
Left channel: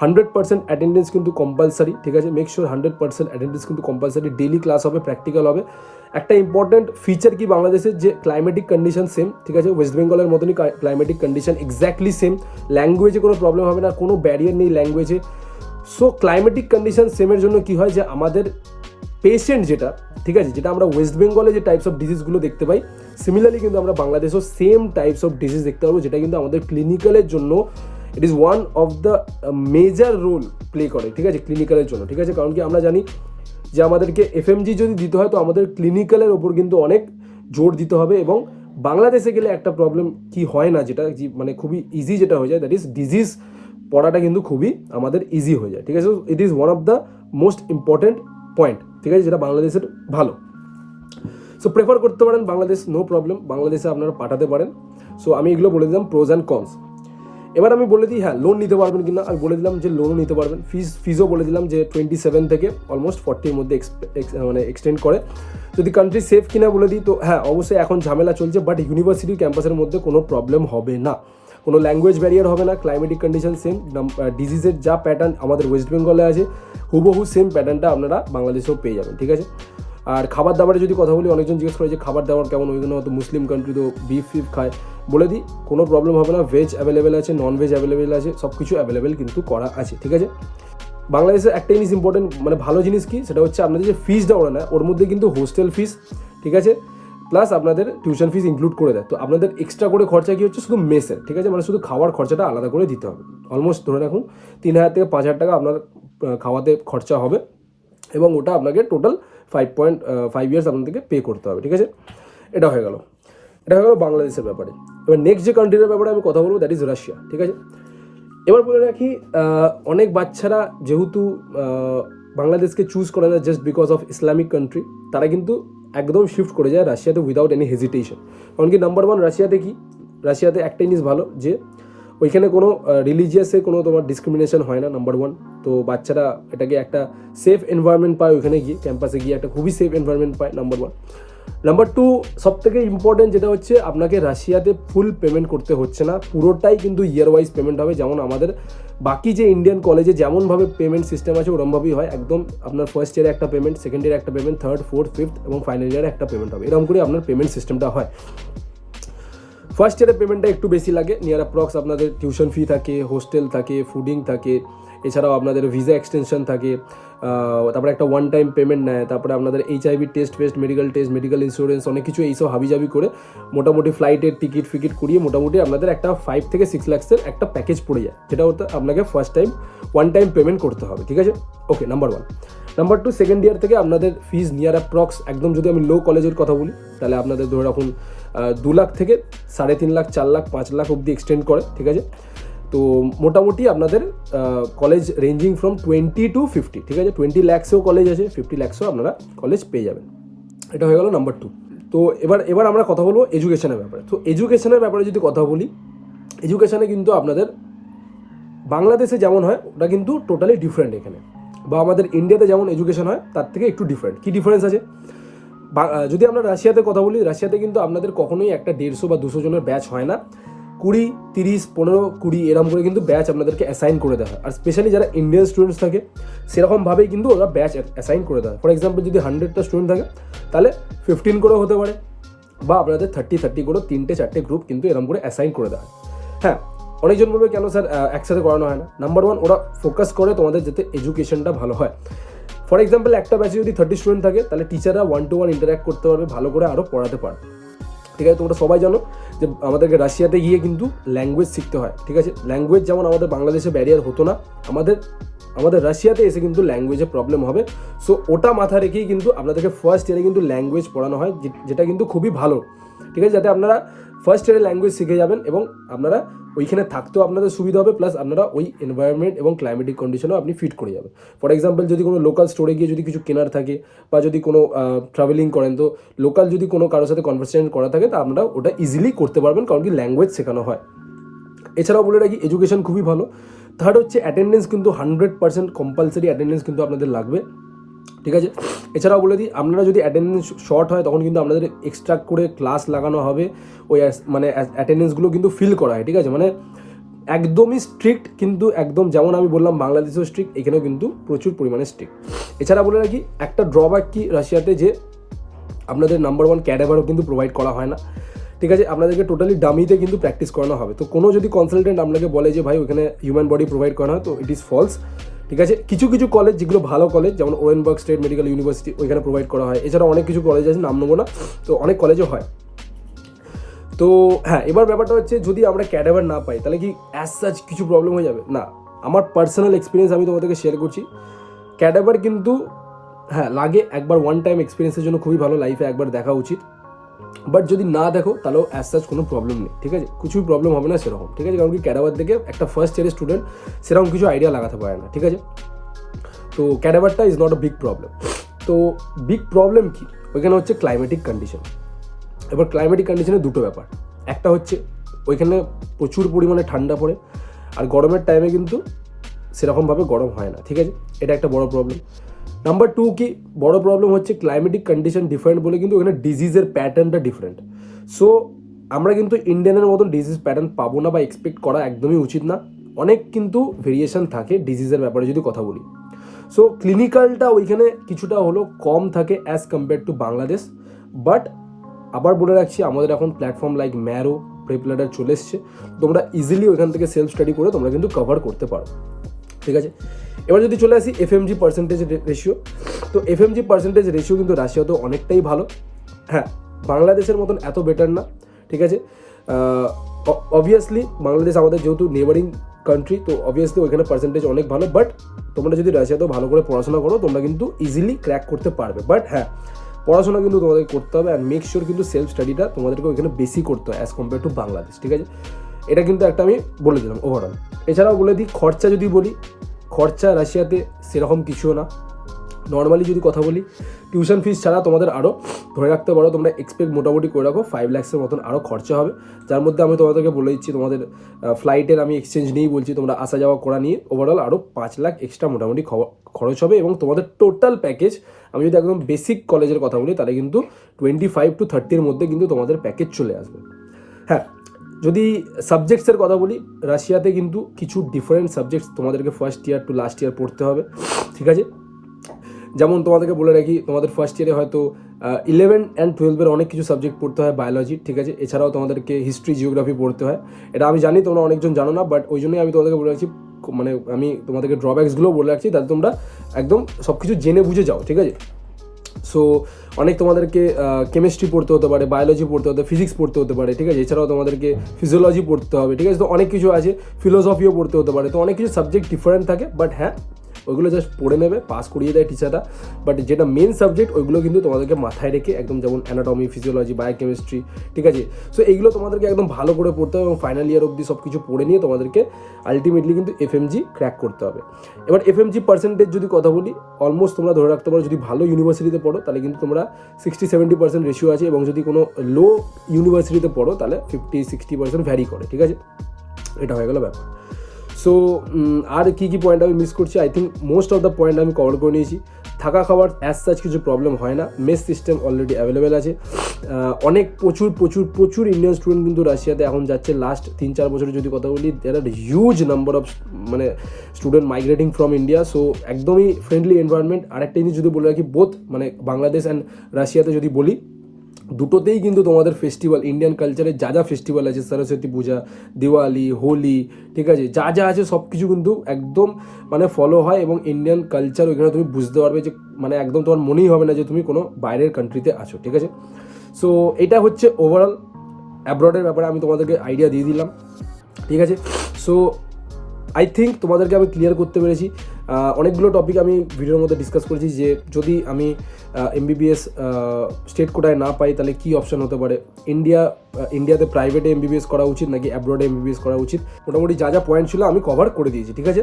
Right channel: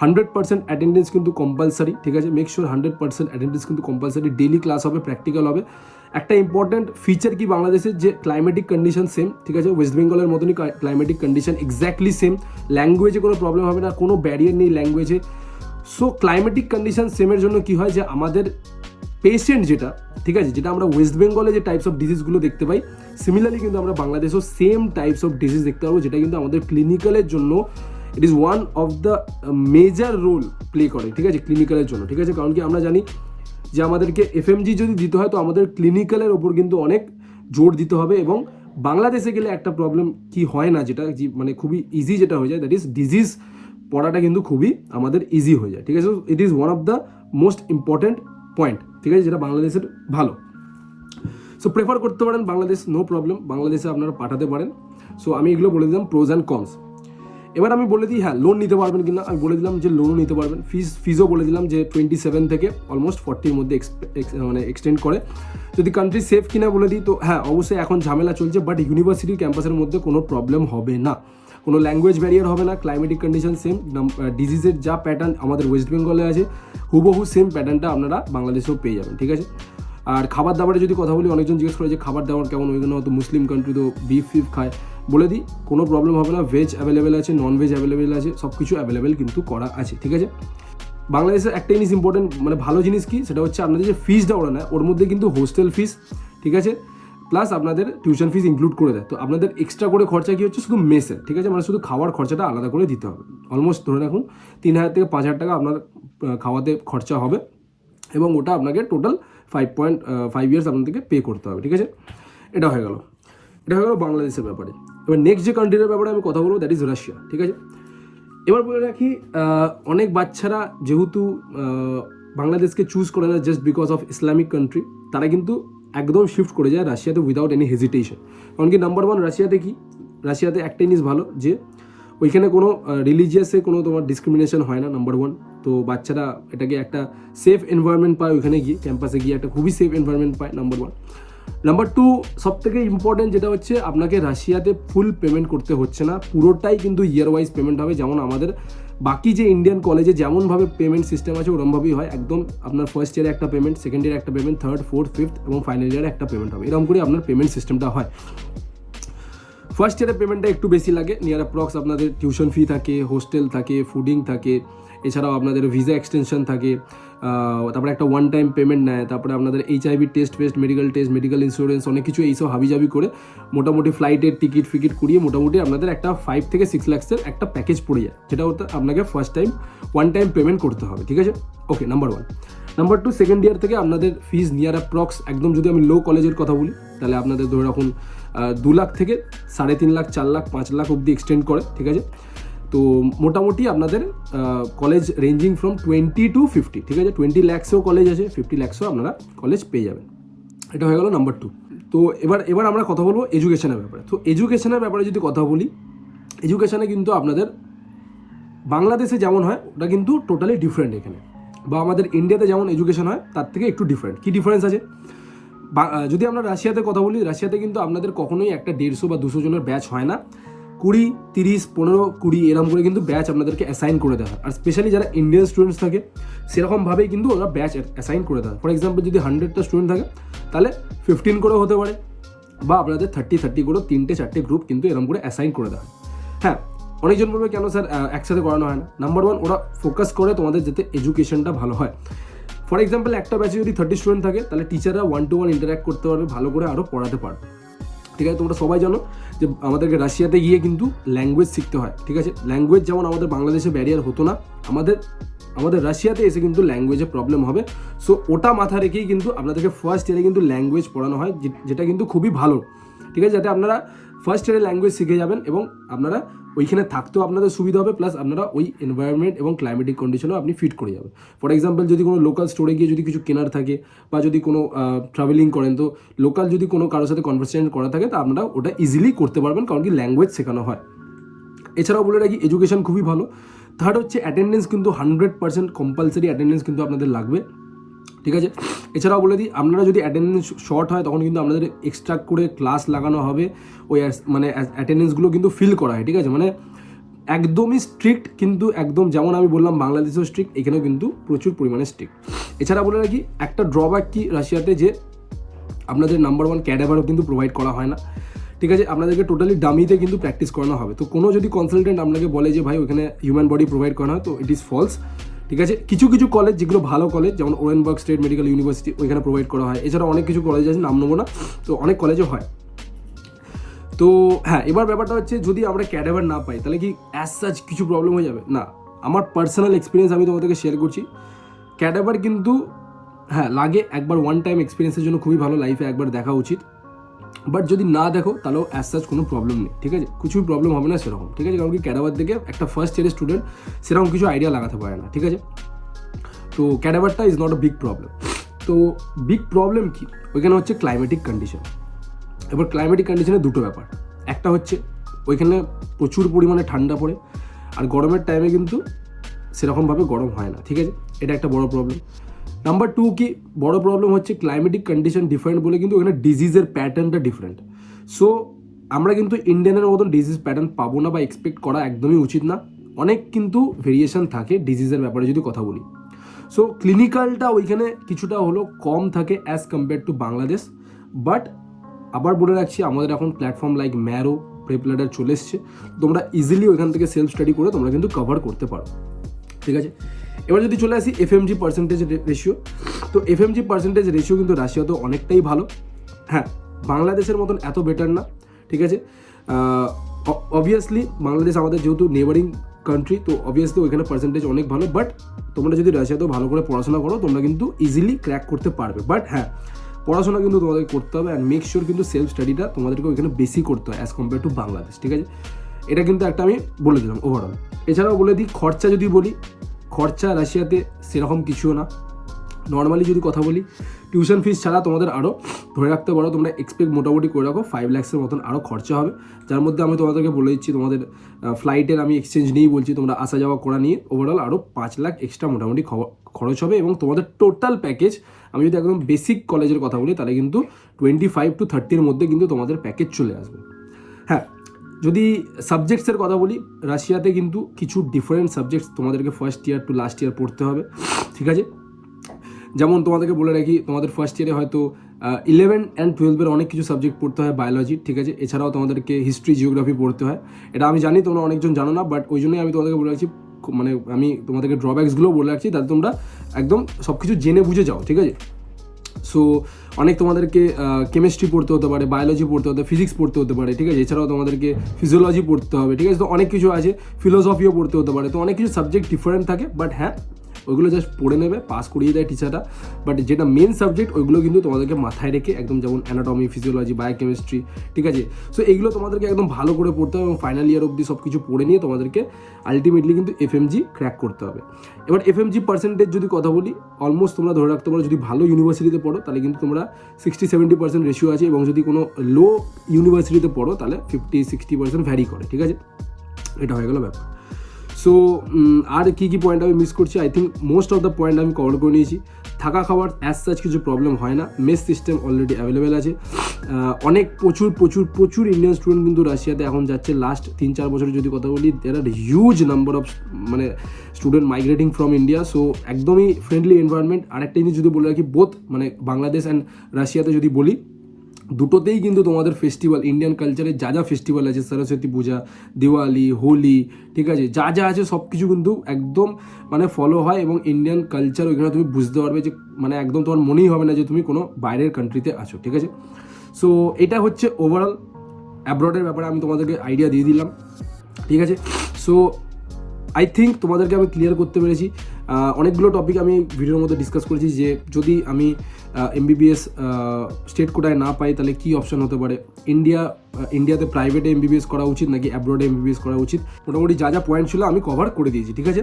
100% অ্যাটেন্ডেন্স কিন্তু কম্পালসারি, ঠিক আছে, মেক শিওর 100% অ্যাটেন্ডেন্স কিন্তু কম্পালসারি, ডেইলি ক্লাস হবে, প্র্যাকটিক্যাল হবে। একটা ইম্পর্টেন্ট ফিচার কি বাংলাদেশের, যে ক্লাইমেটিক কন্ডিশন সেম, ঠিক আছে, ওয়েস্ট বেঙ্গলের মতনই ক্লাইমেটিক কন্ডিশন এক্স্যাক্টলি সেম, ল্যাঙ্গুয়েজে কোনো প্রবলেম হবে না, কোনো ব্যারিয়ার নেই ল্যাঙ্গুয়েজে। সো ক্লাইমেটিক কন্ডিশন সেমের জন্য কি হয় যে আমাদের পেশেন্ট যেটা, ঠিক আছে, যেটা আমরা ওয়েস্ট বেঙ্গলে যে টাইপস অফ ডিজিজগুলো দেখতে পাই, সিমিলারলি কিন্তু আমরা বাংলাদেশেও সেম টাইপস অফ ডিজিজ দেখতে পাবো, যেটা কিন্তু আমাদের ক্লিনিক্যালের জন্য it is one of the major role play করে, ঠিক আছে, ক্লিনিক্যালের জন্য, ঠিক আছে। কারণ কি আমরা জানি যে আমাদেরকে এফএমজি যদি দিতে হয় তো আমাদের ক্লিনিক্যালের ওপর কিন্তু অনেক জোর দিতে হবে, এবং বাংলাদেশে গেলে একটা প্রবলেম কি হয় না, যেটা মানে খুবই ইজি যেটা হয়ে যায়, দ্যাট ইজ ডিজিজ পড়াটা কিন্তু খুবই আমাদের ইজি হয়ে যায়, ঠিক আছে। ইট is one of the most important point, ঠিক আছে, যেটা বাংলাদেশের ভালো। সো প্রেফার করতে পারেন বাংলাদেশ, নো প্রবলেম, বাংলাদেশে আপনারা পাঠাতে পারেন। সো আমি এগুলো বলে দিলাম প্রোজ অ্যান্ড কনস। এবার আমি বলে দিই হ্যাঁ লোন নিতে পারবেন কিনা, আমি বলে দিলাম যে লোনও নিতে পারবেন, ফিজও বলে দিলাম যে 27 থেকে অলমোস্ট 40-র মধ্যে মানে এক্সটেন্ড করে। যদি কান্ট্রি সেফ কিনা বলে দিই তো হ্যাঁ অবশ্যই এখন ঝামেলা চলছে, বাট ইউনিভার্সিটি ক্যাম্পাসের মধ্যে কোনো প্রবলেম হবে না, কোনো ল্যাঙ্গুয়েজ ব্যারিয়ার হবে না, ক্লাইমেটিক কন্ডিশন সেম, ডিজিজের যা প্যাটার্ন আমাদের ওয়েস্ট বেঙ্গলে আছে হুবহু সেম প্যাটার্নটা আপনারা বাংলাদেশেও পেয়ে যাবেন, ঠিক আছে। আর খাবার দাবারে যদি কথা বলি, অনেকজন জিজ্ঞেস করে যে খাবার দাবার কেমন, ওইখানে হয়তো মুসলিম কান্ট্রি তো বিফ খায়, বলে দিই কোনো প্রবলেম হবে না, ভেজ অ্যাভেলেবেল আছে, নন ভেজ অ্যাভেলেবেল আছে, সব কিছু অ্যাভেলেবেল কিন্তু করা আছে, ঠিক আছে। বাংলাদেশের একটা জিনিস ইম্পর্টেন্ট মানে ভালো জিনিস কি, সেটা হচ্ছে আপনাদের যে ফিজটা ওরা নেয় ওর মধ্যে কিন্তু হোস্টেল ফিস, ঠিক আছে, প্লাস আপনাদের টিউশন ফিস ইনক্লুড করে দেয়। তো আপনাদের এক্সট্রা করে খরচা কি হচ্ছে শুধু মেসের, ঠিক আছে, মানে শুধু খাওয়ার খরচাটা আলাদা করে দিতে হবে। অলমোস্ট ধরে রাখুন 3,000 থেকে 5,000 টাকা আপনার খাওয়াতে খরচা হবে, এবং ওটা আপনাকে টোটাল 5.5 ইয়ার্স আপনাদেরকে পে করতে হবে, ঠিক আছে। এটা হয়ে গেল বাংলাদেশের ব্যাপারে। এবার নেক্সট যে কান্ট্রির ব্যাপারে আমি কথা বলবো দ্যাট ইজ রাশিয়া, ঠিক আছে। এবার বলে রাখি অনেক বাচ্চারা যেহেতু বাংলাদেশকে চুজ করে না just because of Islamic country, তারা কিন্তু একদম শিফট করে যায় রাশিয়াতে উইদাউট এনি হেজিটেশন। কারণ কি নাম্বার ওয়ান, রাশিয়াতে একটা জিনিস ভালো যে ওইখানে কোনো রিলিজিয়াসে কোনো তোমার ডিসক্রিমিনেশন হয় না, নাম্বার ওয়ান। তো বাচ্চারা এটাকে একটা সেফ এনভায়রনমেন্ট পায়, ওইখানে গিয়ে ক্যাম্পাসে গিয়ে একটা খুবই সেফ এনভায়রনমেন্ট পায়, নাম্বার ওয়ান। নাম্বার টু, সব থেকে ইম্পর্টেন্ট যেটা হচ্ছে আপনাকে রাশিয়াতে ফুল পেমেন্ট করতে হচ্ছে না, পুরোটাই কিন্তু ইয়ার ওয়াইজ পেমেন্ট হবে। যেমন আমাদের বাকি যে ইন্ডিয়ান কলেজে যেমনভাবে পেমেন্ট সিস্টেম আছে ওরমভাবেই হয়, একদম আপনার ফার্স্ট ইয়ারে একটা পেমেন্ট, সেকেন্ড ইয়ারে একটা পেমেন্ট, থার্ড, ফোর্থ, ফিফথ এবং ফাইনাল ইয়ারে একটা পেমেন্ট হবে। এরকম করে আপনার পেমেন্ট সিস্টেমটা হয়। ফার্স্ট ইয়ারের পেমেন্টটা একটু বেশি লাগে, নিয়ার অ্যাপ্রক্স আপনাদের টিউশন ফি থাকে, হোস্টেল থাকে, ফুডিং থাকে, এছাড়াও আপনাদের ভিসা এক্সটেনশন থাকে, তারপরে একটা ওয়ান টাইম পেমেন্ট নেয়, তারপরে আপনাদের HIV টেস্ট, মেডিকেল ইন্স্যুরেন্স, অনেক কিছু এইসব হাবিজাবি করে মোটামুটি ফ্লাইটের টিকিট করিয়ে মোটামুটি আপনাদের একটা 5 থেকে 6 লাখসের একটা প্যাকেজ পড়ে যায়, যেটা হতে আপনাকে first time one time payment করতে হবে, ঠিক আছে। Okay, number one. Number two, second year থেকে আপনাদের ফিজ নিয়ার অ্যাপ্রক্স, একদম যদি আমি লো কলেজের কথা বলি তাহলে আপনাদের ধরে রাখুন 2 লাখ থেকে 3.5 লাখ, 4 লাখ, 5 লাখ অবধি এক্সটেন্ড করে, ঠিক আছে। তো মোটামুটি আপনাদের কলেজ রেঞ্জিং ফ্রম 20 to 50, ঠিক আছে। 20 লাখসেও কলেজ আছে, 50 লাখসেও আপনারা কলেজ পেয়ে যাবেন। এটা হয়ে গেল নাম্বার টু। তো এবার আমরা কথা বলবো এডুকেশনের ব্যাপারে। তো এডুকেশনের ব্যাপারে যদি কথা বলি, এডুকেশনে কিন্তু আপনাদের বাংলাদেশে যেমন হয় ওটা কিন্তু টোটালি ডিফারেন্ট এখানে, বা আমাদের ইন্ডিয়াতে যেমন এডুকেশন হয় তার থেকে একটু ডিফারেন্ট। কী ডিফারেন্স আছে? যদি আমরা রাশিয়াতে কথা বলি, রাশিয়াতে কিন্তু আপনাদের কখনোই একটা 150 বা 200 জনের ব্যাচ হয় না, 20, 30, 15, 20 এরকম করে কিন্তু ব্যাচ আপনাদেরকে অ্যাসাইন করে দেওয়া হয়। আর স্পেশালি যারা ইন্ডিয়ান স্টুডেন্টস থাকে সেরকমভাবেই কিন্তু ওরা ব্যাচ অ্যাসাইন করে দেওয়া হয়। ফর এক্সাম্পল যদি 100টা স্টুডেন্ট থাকে তাহলে 15 করেও হতে পারে, বা আপনাদের 30 করে 3-4টে গ্রুপ কিন্তু এরকম করে অ্যাসাইন করে দেওয়া হয়। হ্যাঁ, অনেকজন বলবে কেন স্যার একসাথে করানো হয় না? নাম্বার ওয়ান, ওরা ফোকাস করে তোমাদের যাতে এডুকেশনটা ভালো হয়। ফর এক্সাম্পল একটা ব্যাচে যদি 30 স্টুডেন্ট থাকে তাহলে টিচাররা 1-to-1 ইন্টারাক্ট করতে পারবে, ভালো করে আরও পড়াতে পারবে, ঠিক আছে। তোমরা সবাই জানো যে আমাদেরকে রাশিয়াতে গিয়ে কিন্তু ল্যাঙ্গুয়েজ শিখতে হয়, ঠিক আছে। ল্যাঙ্গুয়েজ যেমন আমাদের বাংলাদেশে ব্যারিয়ার হতো না, আমাদের রাশিয়াতে এসে কিন্তু ল্যাঙ্গুয়েজে প্রবলেম হবে। সো ওটা মাথায় রেখেই কিন্তু আপনাদেরকে ফার্স্ট ইয়ারে কিন্তু ল্যাঙ্গুয়েজ পড়ানো হয়, যেটা কিন্তু খুবই ভালো, ঠিক আছে, যাতে আপনারা ফার্স্ট ইয়ারে ল্যাঙ্গুয়েজ শিখে যাবেন এবং আপনারা ওইখানে থাকতেও আপনাদের সুবিধা হবে, প্লাস আপনারা ওই এনভায়রনমেন্ট এবং ক্লাইমেটিক কন্ডিশনেও আপনি ফিট করে যাবেন। ফর এক্সাম্পল যদি কোনো লোকাল স্টোরে গিয়ে যদি কিছু কেনার থাকে, বা যদি কোনো ট্রাভেলিং করেন, তো লোকাল যদি কোনো কারোর সাথে কনভারসেশন করা থাকে তা আপনারা ওটা ইজিলি করতে পারবেন, কারণ কি ল্যাঙ্গুয়েজ শেখানো হয়। এছাড়াও বলে রাখি এডুকেশন খুবই ভালো। থার্ড হচ্ছে অ্যাটেন্ডেন্স, কিন্তু 100% কম্পালসারি অ্যাটেন্ডেন্স কিন্তু আপনাদের লাগবে, ঠিক আছে। এছাড়াও বলে দিই, আপনারা যদি অ্যাটেন্ডেন্স শর্ট হয় তখন কিন্তু আপনাদের এক্সট্রা করে ক্লাস লাগানো হবে, ওই মানে অ্যাটেন্ডেন্সগুলো কিন্তু ফিল করা হয়, ঠিক আছে। মানে একদমই স্ট্রিক্ট, কিন্তু একদম যেমন আমি বললাম বাংলাদেশেও স্ট্রিক্ট, এখানেও কিন্তু প্রচুর পরিমাণে স্ট্রিক্ট। এছাড়া বলে রাখি একটা ড্রব্যাক কি রাশিয়াতে, যে আপনাদের নাম্বার ওয়ান ক্যাডাভারও কিন্তু প্রোভাইড করা হয় না, ঠিক আছে। আপনাদেরকে টোটালি ডামিতে কিন্তু প্র্যাকটিস করানো হবে। তো কোনো যদি কনসালটেন্ট আপনাকে বলে যে ভাই ওখানে হিউম্যান বডি প্রোভাইড করা হয়, তো ইট ইজ ফলস, ঠিক আছে। কিছু কলেজ যেগুলো ভালো কলেজ, যেমন ওরেনবার্গ স্টেট মেডিকেল ইউনিভার্সিটি, ওইখানে প্রোভাইড করা হয়। এছাড়া অনেক কিছু কলেজ আছে, নাম নেবো না, তো অনেক কলেজও হয়। তো হ্যাঁ, এবার ব্যাপারটা হচ্ছে যদি আমরা ক্যাডাভার না পাই তাহলে কি অ্যাজ সাচ কিছু প্রবলেম হয়ে যাবে? না, আমার পার্সোনাল এক্সপিরিয়েন্স আমি তোমাদেরকে শেয়ার করছি। ক্যাডাভার কিন্তু হ্যাঁ লাগে, একবার ওয়ান টাইম এক্সপিরিয়েন্সের জন্য খুবই ভালো, লাইফে একবার দেখা উচিত। বাট যদি না দেখো তাহলেও অ্যাজ সাচ কোনো প্রবলেম নেই, ঠিক আছে, কিছুই প্রবলেম হবে না সেরকম, ঠিক আছে। কারণ কি ক্যাডাভার থেকে একটা ফার্স্ট ইয়ারের স্টুডেন্ট সেরকম কিছু আইডিয়া লাগাতে পারে না, ঠিক আছে। তো ক্যাডাভারটা is not a big problem. তো বিগ প্রবলেম কি ওইখানে হচ্ছে ক্লাইমেটিক কন্ডিশন। এবার ক্লাইমেটিক কন্ডিশনে দুটো ব্যাপার, একটা হচ্ছে ওইখানে প্রচুর পরিমাণে ঠান্ডা পড়ে, আর গরমের টাইমে কিন্তু সেরকমভাবে গরম হয় না, ঠিক আছে, এটা একটা বড় প্রবলেম। নাম্বার টু কি বড় প্রবলেম হচ্ছে ক্লাইমেটিক কন্ডিশন ডিফারেন্ট বলে কিন্তু ওখানে ডিজিজের প্যাটার্নটা ডিফারেন্ট। সো আমরা কিন্তু ইন্ডিয়ানের মতন ডিজিজ প্যাটার্ন পাবো না, বা এক্সপেক্ট করা একদমই উচিত না। অনেক কিন্তু ভেরিয়েশন থাকে ডিজিজের ব্যাপারে যদি কথা বলি। সো ক্লিনিক্যালটা ওইখানে কিছুটা হলো কম থাকে as compare to Bangladesh. But আবার বলে রাখছি, আমাদের এখন প্ল্যাটফর্ম লাইক ম্যারো, প্রেপলাডার চলে এসছে, তোমরা ইজিলি ওইখান থেকে সেলফ স্টাডি করে তোমরা কিন্তু কভার করতে পারো, ঠিক আছে। এবার যদি চলে আসি FMG পার্সেন্টেজ রেশিও, তো FMG পার্সেন্টেজ রেশিও কিন্তু রাশিয়াতেও অনেকটাই ভালো। হ্যাঁ, বাংলাদেশের মতন এত বেটার না, ঠিক আছে। অবভিয়াসলি বাংলাদেশ আমাদের যেহেতু নেবারিং কান্ট্রি, তো অবভিয়াসলি ওইখানে পার্সেন্টেজ অনেক ভালো, বাট তোমরা যদি রাশিয়াতেও ভালো করে পড়াশোনা করো তোমরা কিন্তু ইজিলি ক্র্যাক করতে পারবে। বাট হ্যাঁ, পড়াশোনা কিন্তু তোমাদেরকে করতে হবে, অ্যান্ড মেক শিওর কিন্তু সেলফ স্টাডিটা তোমাদেরকে ওইখানে বেশি করতে হয় অ্যাজ কম্পেয়ার টু বাংলাদেশ, ঠিক আছে। এটা কিন্তু একটা আমি বলে দিলাম ওভারঅল। এছাড়াও বলে দিই খরচা যদি বলি, খরচা রাশিয়াতে সেরকম কিছুও না। নর্মালি যদি কথা বলি, টিউশন ফিস ছাড়া তোমাদের আরও ধরে রাখতে পারো, তোমরা এক্সপেক্ট মোটামুটি করে রাখো 5 লাখসের মতন আরও খরচা হবে, যার মধ্যে আমি তোমাদেরকে বলে দিচ্ছি তোমাদের ফ্লাইটের আমি এক্সচেঞ্জ নিয়েই বলছি, তোমরা আসা যাওয়া করা নিয়ে ওভারঅল আরও 5 লাখ এক্সট্রা মোটামুটি খরচ হবে। এবং তোমাদের টোটাল প্যাকেজ, আমি যদি একদম বেসিক কলেজের কথা বলি, তাহলে কিন্তু 25 to 30-র মধ্যে কিন্তু তোমাদের প্যাকেজ চলে আসবে। হ্যাঁ, যদি সাবজেক্টসের কথা বলি, রাশিয়াতে কিন্তু কিছু ডিফারেন্ট সাবজেক্টস তোমাদেরকে first year to last year পড়তে হবে, ঠিক আছে। যেমন তোমাদেরকে বলে রাখি, তোমাদের ফার্স্ট ইয়ারে হয়তো 11 and 12-এর অনেক কিছু সাবজেক্ট পড়তে হয় বায়োলজি, ঠিক আছে। এছাড়াও তোমাদেরকে হিস্ট্রি, জিওগ্রাফি পড়তে হয়। এটা আমি জানি তোমরা অনেকজন জানো না, বাট ওই জন্যই আমি তোমাদেরকে বলে রাখছি, মানে আমি তোমাদেরকে ড্রব্যাকসগুলো বলে রাখছি, তাতে তোমরা একদম সব কিছু জেনে বুঝে যাও, ঠিক আছে। সো অনেক তোমাদেরকে কেমিস্ট্রি পড়তে হতে পারে, বায়োলজি পড়তে হতে, ফিজিক্স পড়তে হতে পারে, ঠিক আছে। এছাড়াও তোমাদেরকে ফিজিওলজি পড়তে হবে, ঠিক আছে। তো অনেক কিছু আছে, ফিলোসফিও পড়তে হতে পারে। তো অনেক কিছু সাবজেক্ট ডিফারেন্ট থাকে, বাট হ্যাঁ, ওইগুলো জাস্ট পড়ে নেবে, পাস করিয়ে দেয় টিচাররা। বাট যেটা মেন সাবজেক্ট ওইগুলো কিন্তু তোমাদেরকে মাথায় রেখে একদম, যেমন অ্যানাটমি, ফিজিওলজি, বায়োকেমিস্ট্রি, ঠিক আছে। সো এইগুলো তোমাদেরকে একদম ভালো করে পড়তে হবে এবং ফাইনাল ইয়ার অবধি সব কিছু পড়ে নিয়ে তোমাদেরকে আলটিমেটলি কিন্তু এফএমজি ক্র্যাক করতে হবে। এবার এফএমজি পার্সেন্টেজ যদি কথা বলি, অলমোস্ট তোমরা ধরে রাখতে পারো, যদি ভালো ইউনিভার্সিটিতে পড়ো তাহলে কিন্তু তোমরা 60-70% রেশিও আছে, এবং যদি কোনো লো ইউনিভার্সিটিতে পড়ো তাহলে 50-60% ভ্যারি করে, ঠিক আছে। এটা হয়ে গেল ব্যাপার। সো আর কী কী পয়েন্ট আমি মিস করছি, I think most of the point আমি কভার করে নিয়েছি। থাকা খাওয়ার অ্যাজ সাচ কিছু প্রবলেম হয় না, মেস সিস্টেম অলরেডি অ্যাভেলেবেল আছে। অনেক প্রচুর ইন্ডিয়ান স্টুডেন্ট কিন্তু রাশিয়াতে এখন যাচ্ছে। লাস্ট 3-4 বছরের যদি কথা বলি, দেয়ার আর হিউজ নাম্বার অফ মানে student migrating from India. So একদমই ফ্রেন্ডলি এনভায়রনমেন্ট। আরেকটা জিনিস যদি বলে রাখি, বোথ মানে বাংলাদেশ অ্যান্ড রাশিয়াতে যদি বলি, দুটোতেই কিন্তু তোমাদের ফেস্টিভ্যাল, ইন্ডিয়ান কালচারে যা যা ফেস্টিভ্যাল আছে, সরস্বতী পূজা, দিওয়ালি, হোলি, ঠিক আছে, যা যা আছে সব কিছু কিন্তু একদম মানে ফলো হয়, এবং ইন্ডিয়ান কালচার ওইখানে তুমি বুঝতে পারবে যে মানে একদম তোমার মনেই হবে না যে তুমি কোনো বাইরের কান্ট্রিতে আছো, ঠিক আছে। সো এটা হচ্ছে ওভারঅল অ্যাব্রডের ব্যাপারে আমি তোমাদেরকে আইডিয়া দিয়ে দিলাম, ঠিক আছে। সো আই থিঙ্ক তোমাদেরকে আমি ক্লিয়ার করতে পেরেছি। অনেকগুলো টপিক আমি ভিডিওর মধ্যে ডিসকাস করেছি, যে যদি আমি এমবিবিএস স্টেট কোটায় না পাই তাহলে কী অপশান হতে পারে, ইন্ডিয়াতে প্রাইভেটে এমবিবিএস করা উচিত নাকি অ্যাব্রডে এমবিবিএস করা উচিত, মোটামুটি যা যা পয়েন্ট ছিল আমি কভার করে দিয়েছি, ঠিক আছে।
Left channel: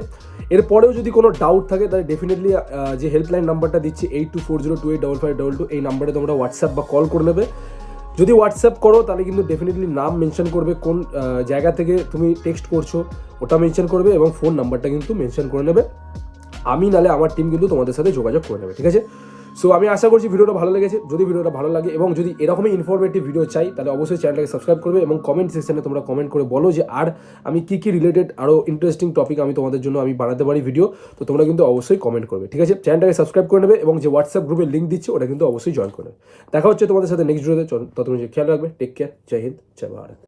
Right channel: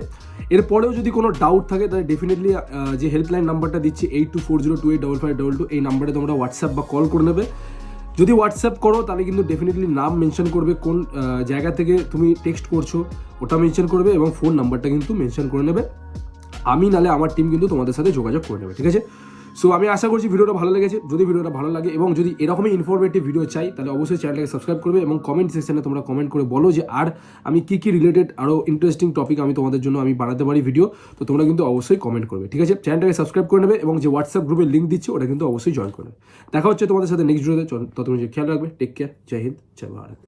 এরপরেও যদি কোনো ডাউট থাকে তাহলে ডেফিনেটলি যে হেল্পলাইন নাম্বারটা দিচ্ছি 8240285522, এই নাম্বারে তোমরা হোয়াটসঅ্যাপ বা কল করে নেবে। যদি হোয়াটসঅ্যাপ করো তাহলে কিন্তু ডেফিনেটলি নাম মেনশন করবে, কোন জায়গা থেকে তুমি টেক্সট করছো ওটা মেনশন করবে, এবং ফোন নাম্বারটা কিন্তু মেনশন করে নেবে। আমি নালে আমার টিম কিন্তু তোমাদের সাথে যোগাযোগ করে নেবে, ঠিক আছে। সো আমি আশা করছি ভিডিওটা ভালো লেগেছে। যদি ভিডিওটা ভালো লাগে এবং যদি এরকমই ইনফরমেটিভ ভিডিও চাই, তাহলে অবশ্যই চ্যানেলটাকে সাবস্ক্রাইব করবে, এবং কমেন্ট সেকশনে তোমরা কমেন্ট করে বলো যে আর আমি কী কী রিলেটেড আরও ইন্টারেস্টিং টপিক আমি তোমাদের জন্য আমি বানাতে পারি ভিডিও। তো তোমরা কিন্তু অবশ্যই কমেন্ট করবে, ঠিক আছে। চ্যানেলটাকে সাবস্ক্রাইব করে নেবে, এবং যে হোয়াটসঅ্যাপ গ্রুপের লিঙ্ক দিচ্ছি ওটা কিন্তু অবশ্যই জয়েন করবে। দেখা হচ্ছে তোমাদের সাথে নেক্সট ভিডিওতে। ততক্ষণ খেয়াল রাখবে। Take care. জয় হিন্দ, জয় ভারত।